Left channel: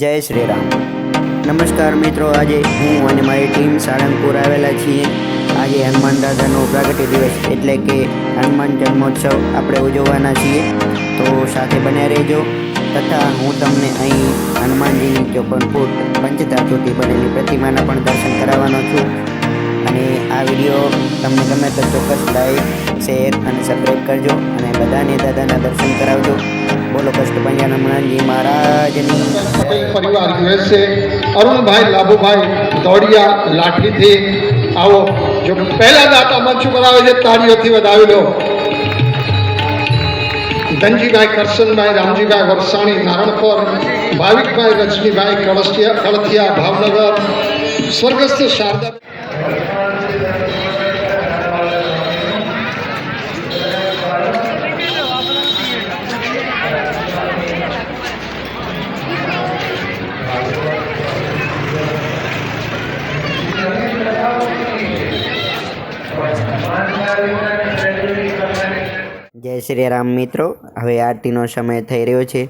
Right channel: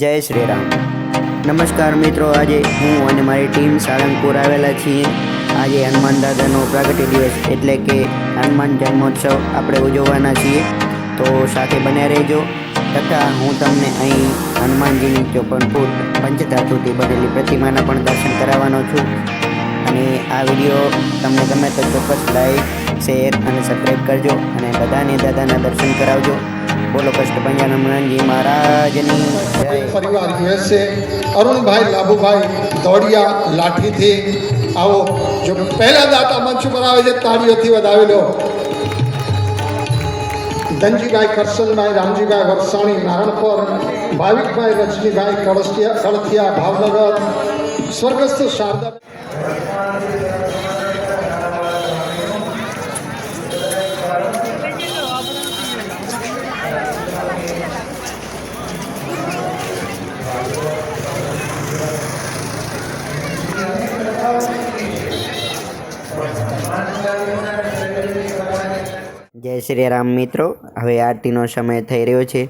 જય શ્રી રામ. નમસ્કાર મિત્રો, આજે હું અને મારી ટીમ સાળંગપુર આવેલા છીએ. આજે હનુમાન દાદાનો પ્રાગટ્ય દિવસ એટલે કે હનુમાન જન્મોત્સવ આપણે ઉજવવાના છીએ, તો સાથે બન્યા રહેજો. તથા હું તમને અહીં હનુમાનજીની 54 ફૂટ પંચધાતુથી બનેલી પ્રતિમાના પણ દર્શન કરાવવાનો છું. અને આ વિડીયો તમને ગમે તો ચોક્કસ લાઈક, શેર અને સબસ્ક્રાઈબ કરજો અને બધાને દાદાના દર્શન કરાવજો. બોલો કષ્ટભંજન હનુમાનજી મહારાજની જય. परिवार यूएसए अरुण भाई लाभू भाई दौड़िया लाठी थी आओ जो पहला दाता मंच पर आवे છે તાળીઓથી વધાવી લો. ધનજીભાઈ કરશનભાઈ, રામજીભાઈ વરસાણી નારણપર, ભાવિકભાઈ રજનીભાઈ કળથિયા ભાવનગર, સ્વર્ગસ્થ શારદા. જય શ્રી રામ મિત્રો, હવે આરતીનો સમય થઈ રહ્યો છે.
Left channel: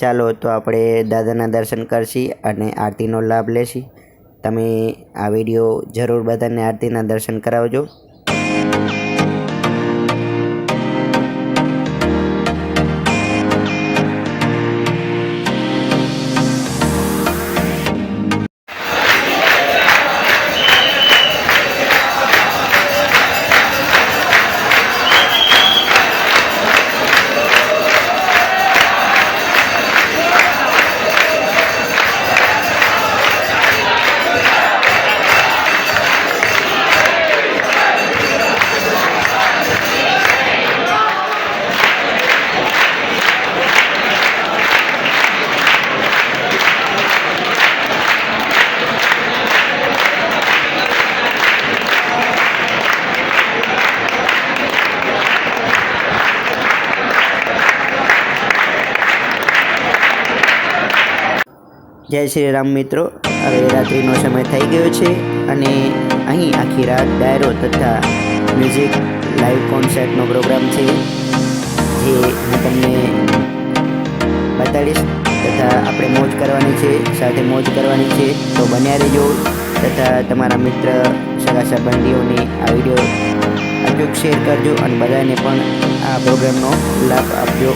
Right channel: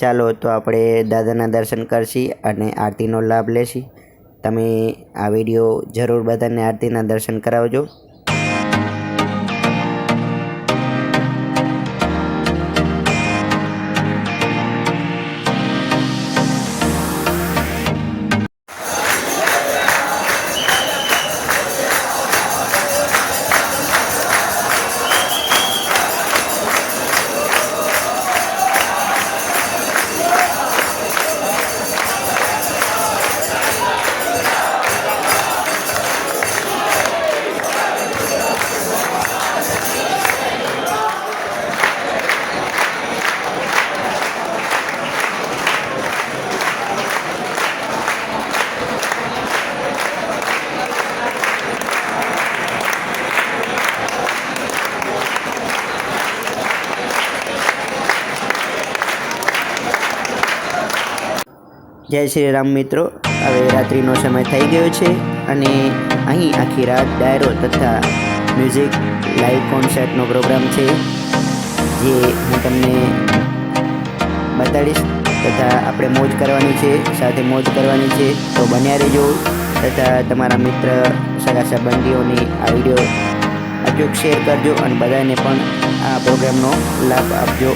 ચાલો તો આપણે દાદાના દર્શન કરશી અને આરતીનો લાભ લેશી. તમે આ વિડીયો જરૂર બધાને આરતીના દર્શન કરાવજો. જય શ્રી રામ મિત્રો, હવે રાત્રિનો સમય થઈ ગયો છે અને અહીં આખી રાત ડાયરો તથા મ્યુઝિક લાઈવ કોન્સર્ટનો પ્રોગ્રામ છે, જે હું તમને બતાડીશ. તથા આપણે મોજ કરવાની છે, સાથે મોજ કરવાની છે, તો બન્યા રહેજો. તથા તમારા મિત્ર સગા સંબંધીઓને આ વિડીયો અચૂક શેર કરજો અને બધાને પણ આ પ્રોગ્રામનો લાભ આપજો.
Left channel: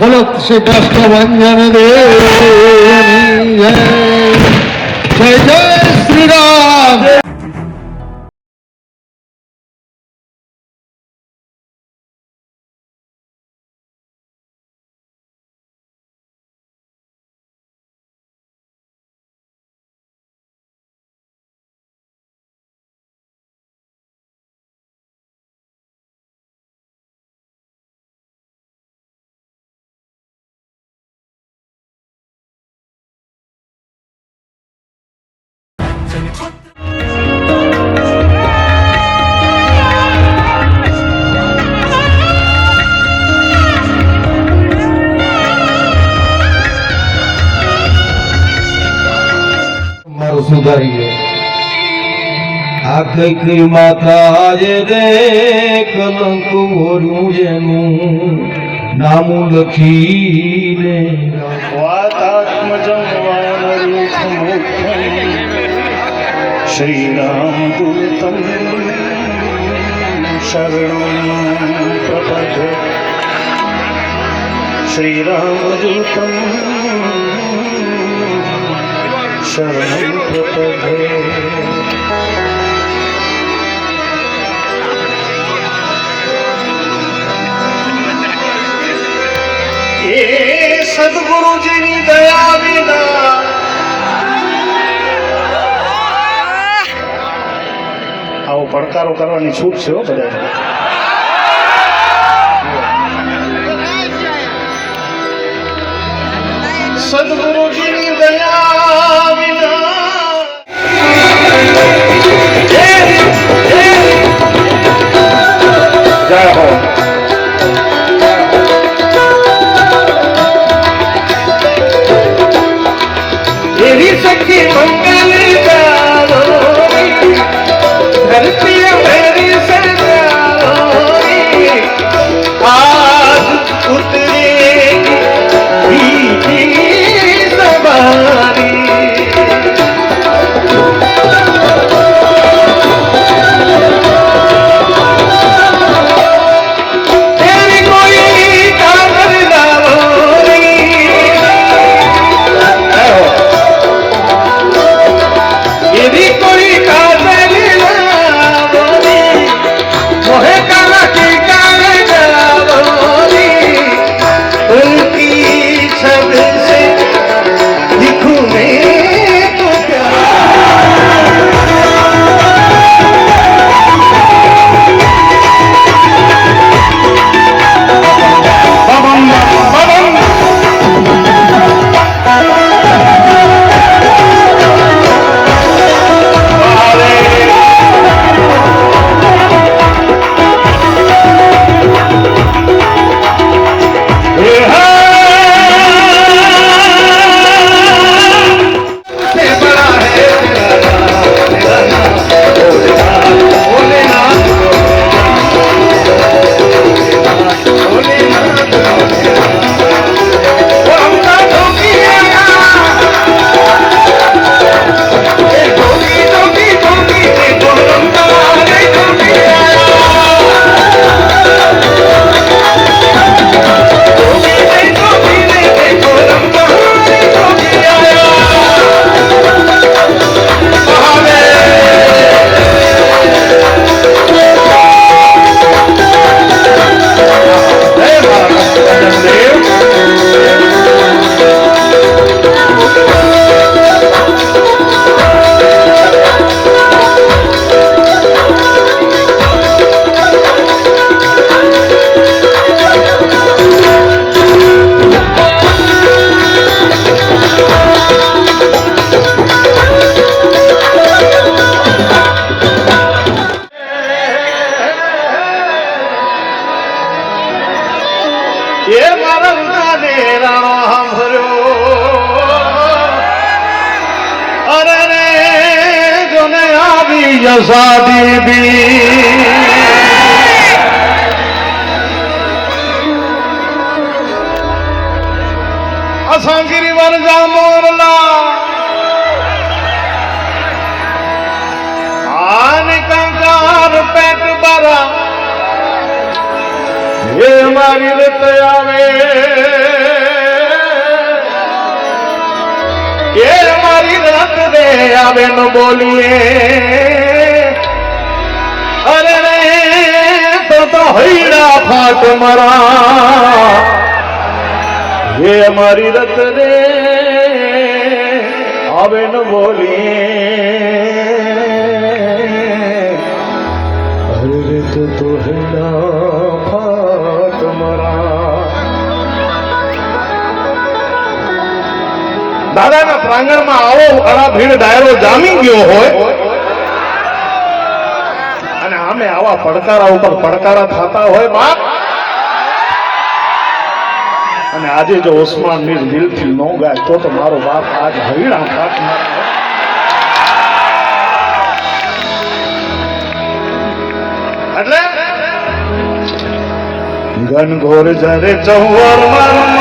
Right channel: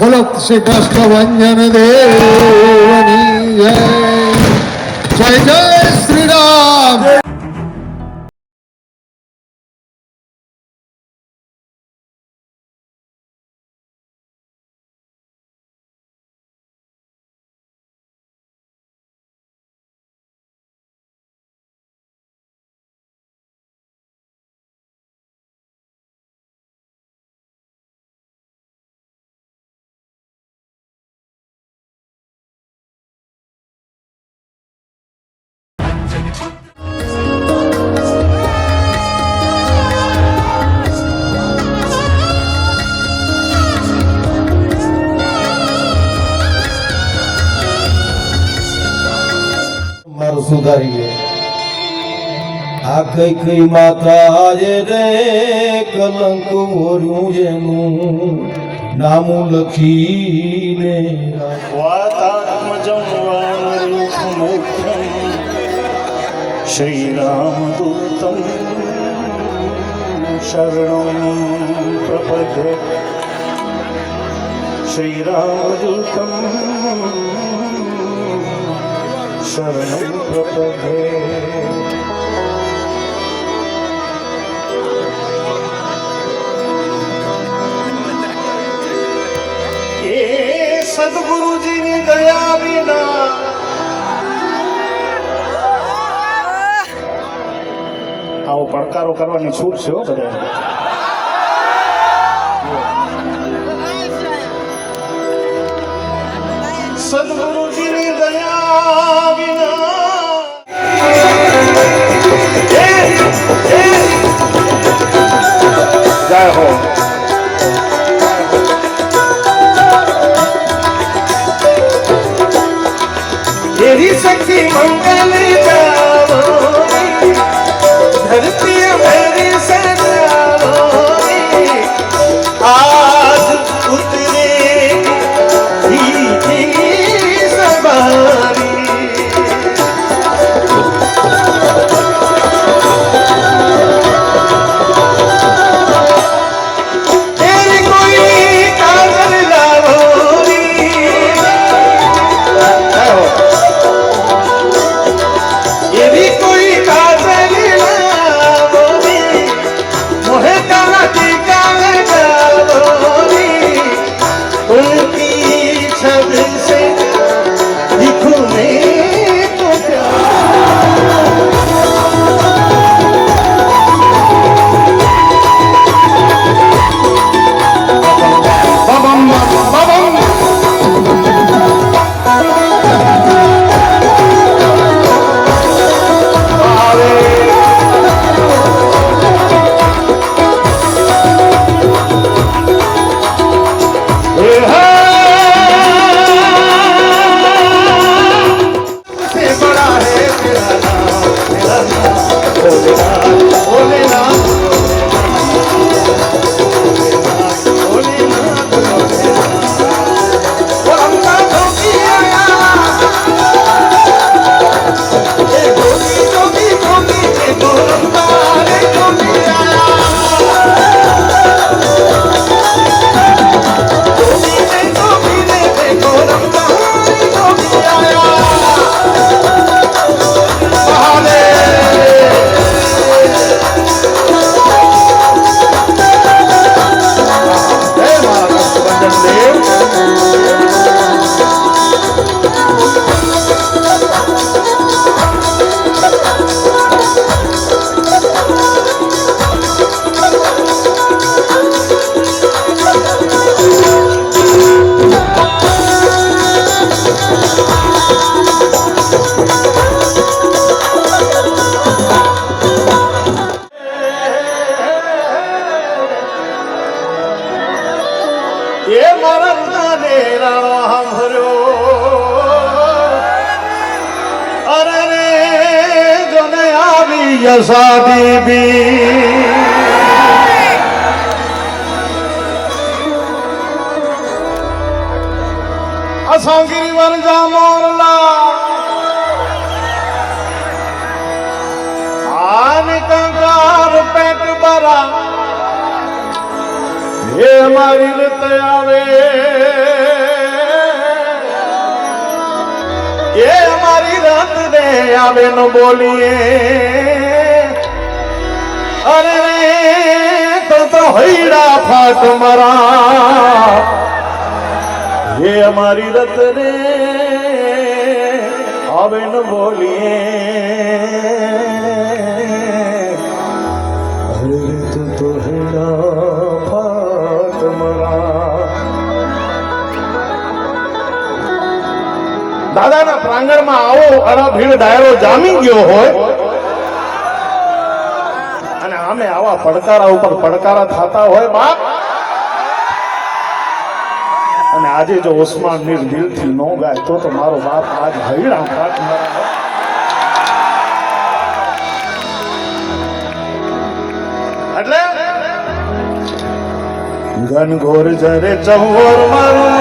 બોલો શ્રી કૃષ્ણભંજન દેવની જય. જય જય શ્રી રામ. મારું સુધારી ગયો આ કઈ માતા રે કલંક ઓરું જેનું નામું લખીને વાતાત્મજં વાનરેખમુખ્યં શ્રીરામદૂતં શરણં પ્રપદ્ય. શ્રીરામદૂતં શરણં પ્રપદ્યે. એ સદગુરુજીની દયા વિના આવો પડકારો કરવાની છૂટ છે હો બધાને. સદગુરુજીની દયા વિના જય હો. એવી સખી મંગલી ચારોરી, ધરતી મેરી સજારોરી, આજ ઉતરી મીઠી સવારી. તેરી કોઈ કાગળ લાવોરી, એવી કોઈ કાગળ લાવોરી, મોહે કાના ટીકા લાવોરી, ઉનકી છબ સે દિખું મેં તો પ્યાર. એ મારા નેરાણો સાંભળ્યો, અરે રે જોને આવી યસાદી બી. અસાંગીરી વરજા મોરલા આને કંગાર પેટ બરા, એ મારી રત આવે, એ મારી રત રે આવે ન બોલીએ. અરે રે તો હૈડા ફાટ મરા, એ મારી રત રે આવે ન બોલીએ. અરે રે તો હૈડા ફાટ મરા. દાદાના પ્રાંગણમાં આવો અરા ભીડ ડાયરો જામી ગયો હોય અને આમે આવા પડકારા ઉપર પડકારા થતા હોય બાપ, અને આજે જો ઉસ્માન મીર દિલથી નો ગાય તો મારો બાપ આજ હૈડા ફાટ મારે. એટલે ઘનઘોર જરે ચૌવાર મારું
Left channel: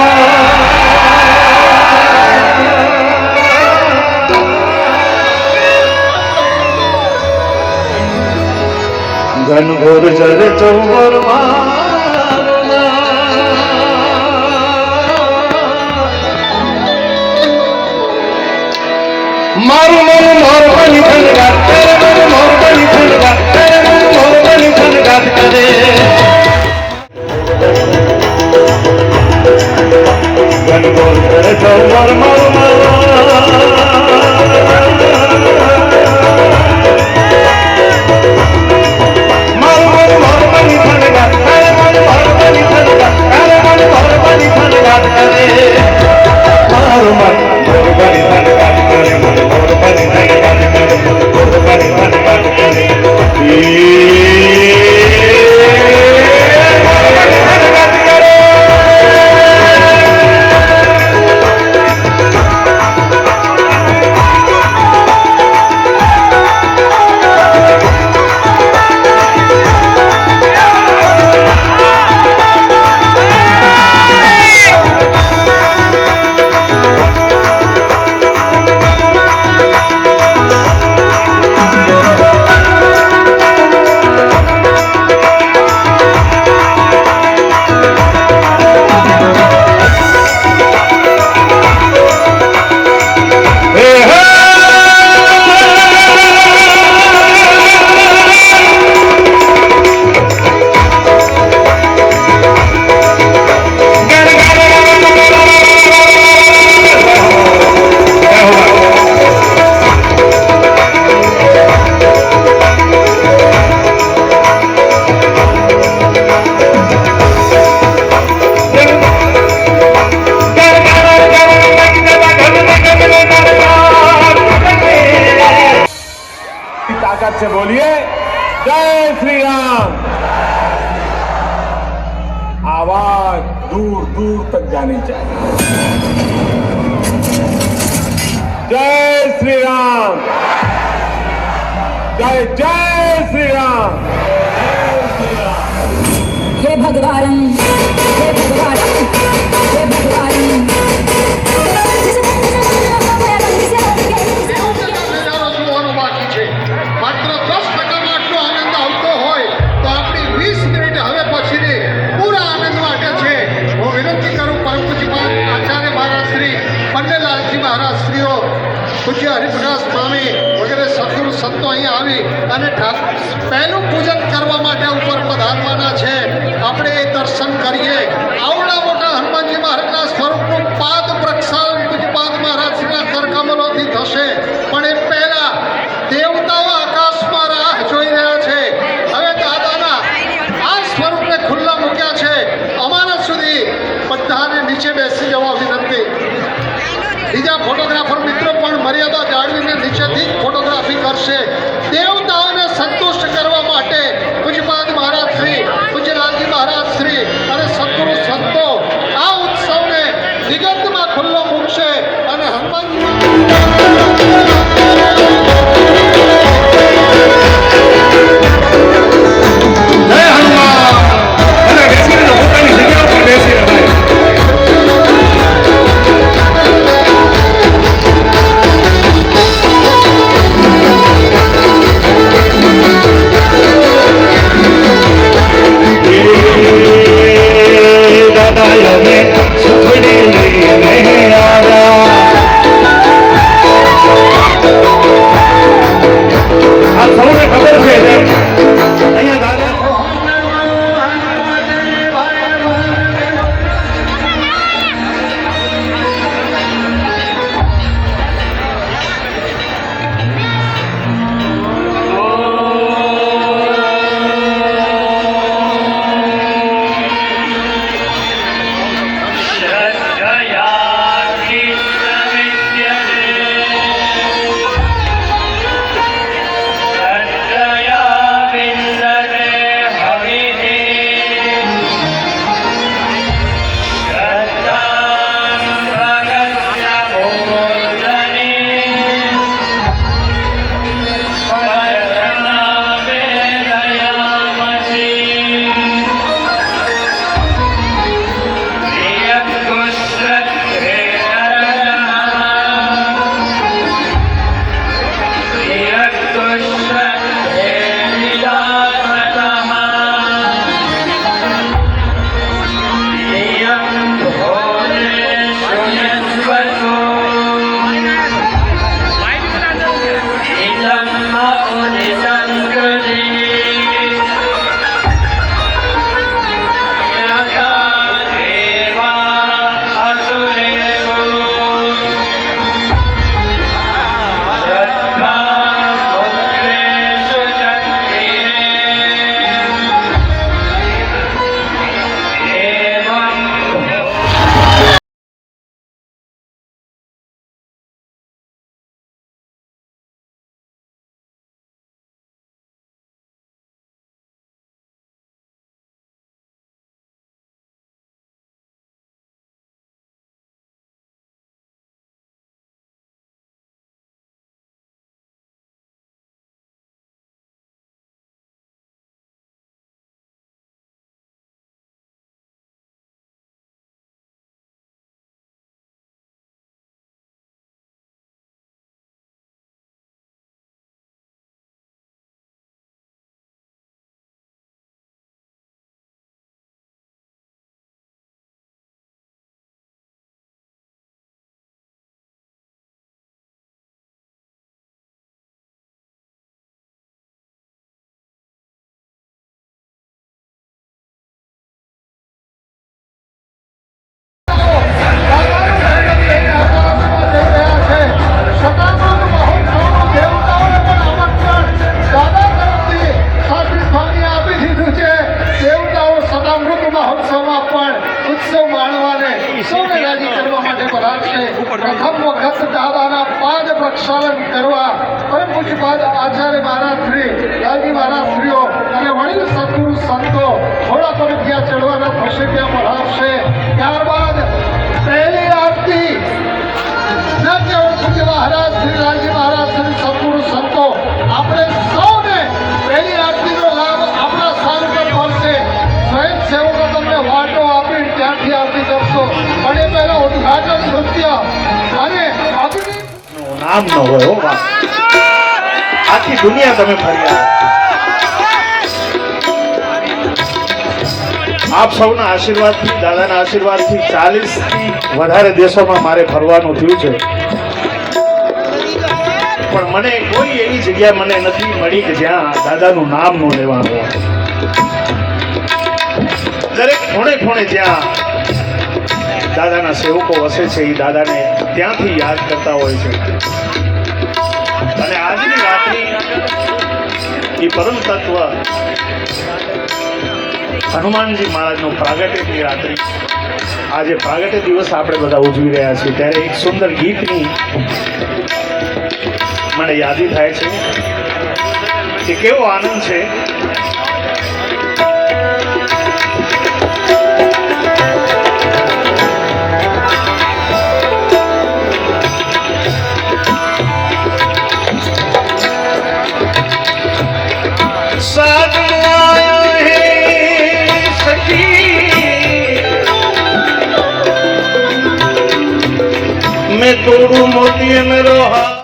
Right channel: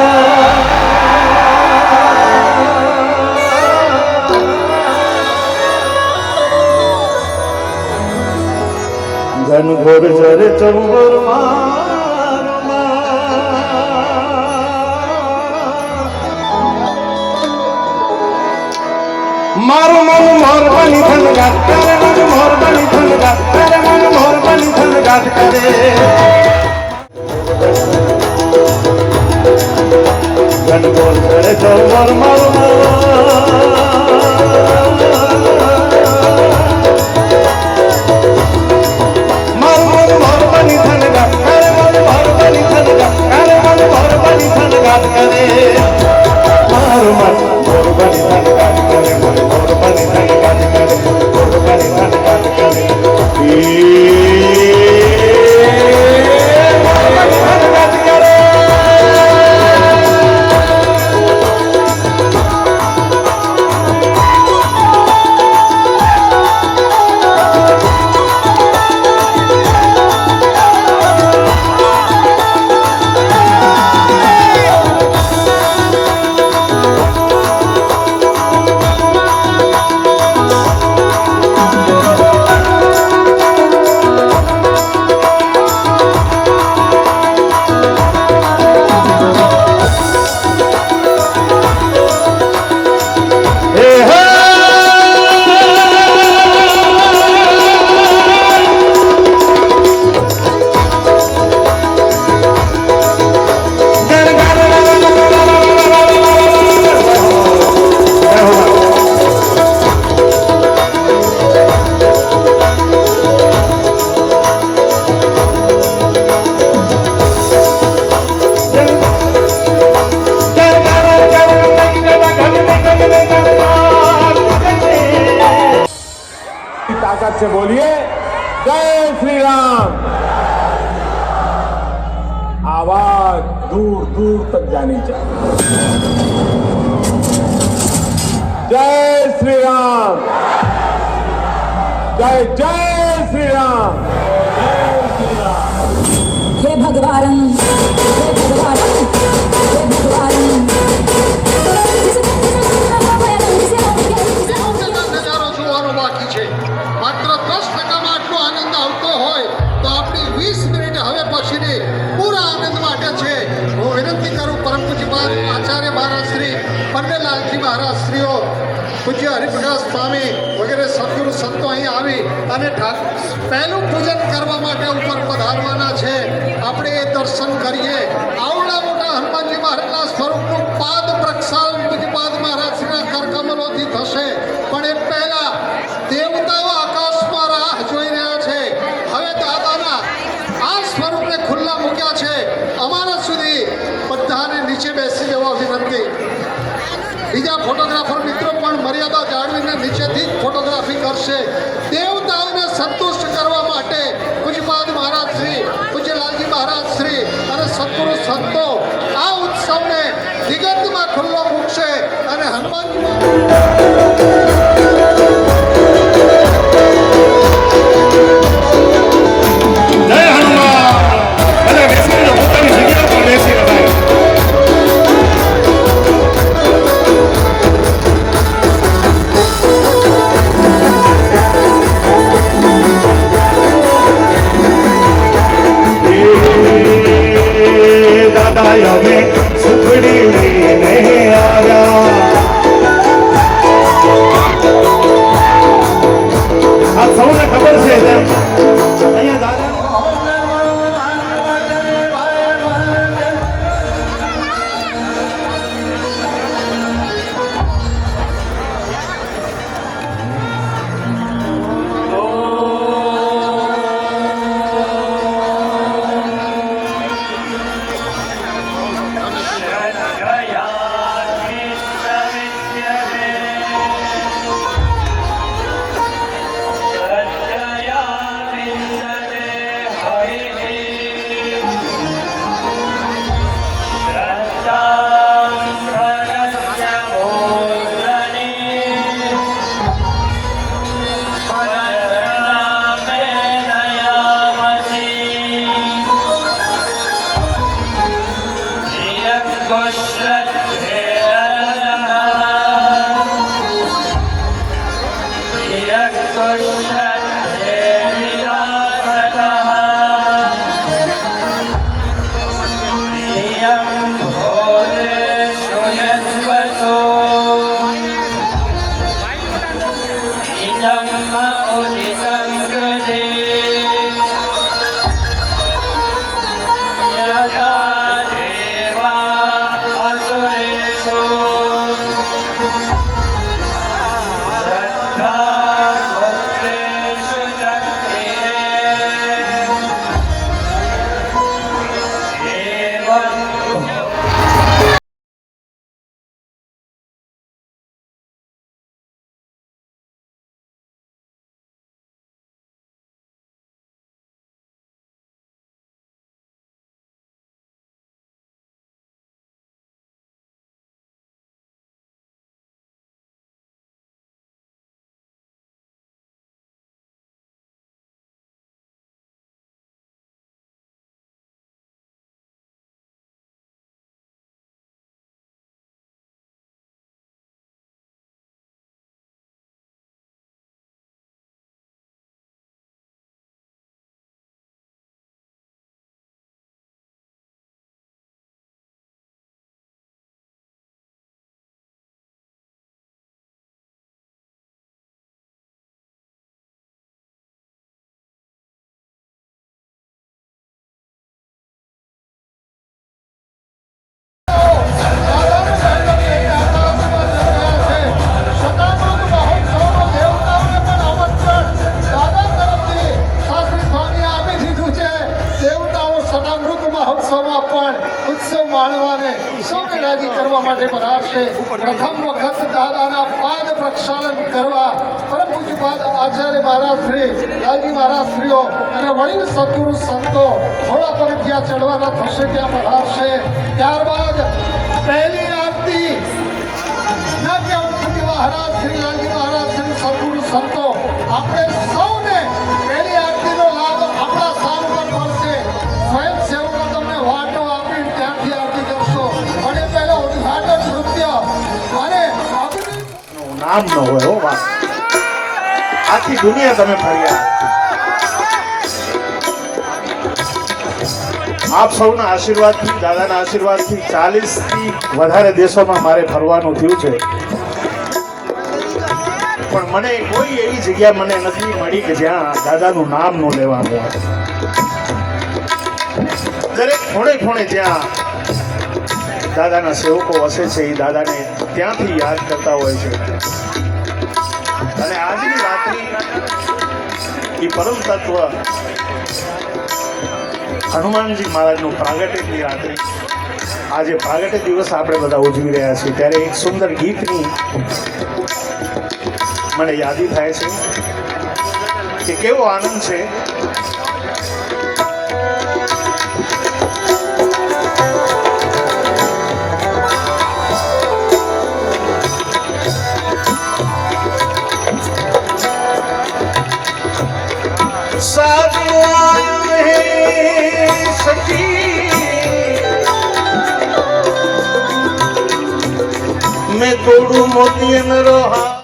ઘનઘોર જરે ચૌવાર મારું મન મોરબાની ખનગાટ કરે, મન મોરબાની ખનગાટ કરે, મન મોરબાની ખનગાટ કરે. ઘનઘોર જરે ચૌવાર મારું जय श्री राम। आवाज दूर दूर तक जानी चाहिए। जय श्री राम। जय जय श्री राम। हे भगवान, हे भगवान, हे भगवान। નજારો જોવાનો બાકી છે. માત્ર 10% આટલો આનંદ આવતો હોય તો આપણી 20 મિનિટ હવે પછીની પૂરા આનંદ માટે છે. હું વિનંતી કરું પરમ પૂજ્યપાદ આચાર્ય મહારાજ શ્રી પન્નેલાલજી મહારાજ શ્રીઓ, પૂજ્ય હરિપ્રકાશ સ્વામી વગેરે સદગુરુ સંતો અહીં આવી અને પહેલું પૂજન કરવા માટે ઉપર પધારવાના છે. આપણે એ દર્શન કરીએ. આવડા મોટા હનુમાનજી મહારાજના સ્વરૂપનું પાદ પ્રક્ષાલન પૂજ્યપાદ મહારાજ શ્રીના કરકમલોથી થશે. પણ એ પહેલા દેવતાઓ આકાશમાં રાહ જોઈ રહ્યા છે. હવે દાદાના આ સ્વરૂપને ખુલ્લા મૂક્યા છે. અમારા સુધી બધાને નીચે બેસી જવા વિનંતી. બીજા ફોટોગ્રાફર મિત્રો પણ મર્યાદા જાળવીને નીચેથી જ ફોટોગ્રાફી કરશે. દેવતાઓને સંતુષ્ટ કરવા માટે પૂજ્યપાદ મહારાજ શ્રી, પૂજ્ય લાલજી મહારાજ શ્રી અને સદગુરુ સંતો આ ઉત્સવને દિગંતમાં ખુલ્લો મૂકશે અને હનુમાનજી જય હનુમાન। અને બેસીને તો પોતાની જગ્યા પર બેસી રહ્યા। પ્રથમ વખત દાદાના પાદ પ્રક્ષાલન કરવા પરમ પૂજ્યપાદ આચાર્ય મહારાજ શ્રી લાલજી મહારાજ શ્રીઓ સંતો થોડા પગથિયા ચડવાના થશે ત્યાં પધારશે. ત્યારબાદ પહેલી આરતી ન કેવળ સૂર્ય મહારાજ, શ્રી લાલજી મહારાજ, શ્રી સદગુરુ સંતો આપણે સૌને પહેલી આરતીનો લાભ આપણા સ્થાન પર મળશે. સ્વયંસેવકો તમને વાટો આપી ત્યાંથી આરતી કરશો અને પહેલા ઉદ્ઘાટન નૃત્ય અને અભિનય નામ ન હોય હો બા. આખી દુનિયા તમે ફર્યા. આપ સૌના આશીર્વાદથી, દાદાના આશીર્વાદથી 40 થી વધારે દેશોમાં મારે ફરવાનું થયું છે, પણ મને કોઈ એવી જગ્યા મને નથી મળી કે જ્યાં દાદાનું નામ ન લેવાનું હોય. દરેક ખૂણે ખૂણે જ્યાં દાદાના સેવકો વસે છે એ દાદાને ત્યાંથી યાદ કરતા હોય છે. અને આજની રાત્રિ એ પરમ તત્વ હનુમાનજી મહારાજનું પ્રાગટ્યની રાત્રિ, આજે પ્રાગટ્ય દિવસ આપણે બધા ઉજવી રહ્યા છીએ, ત્યારે એક સુંદર ગીતની મને યાદી થાય છે કે કેવો આનંદ છે. मैं तोड़ू मोती मेरो हाथ.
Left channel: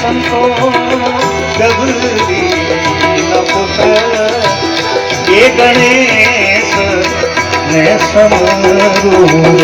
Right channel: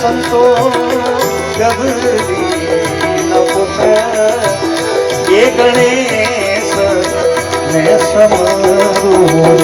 संतो गबरी न पुत्र ये गणेश ने समरू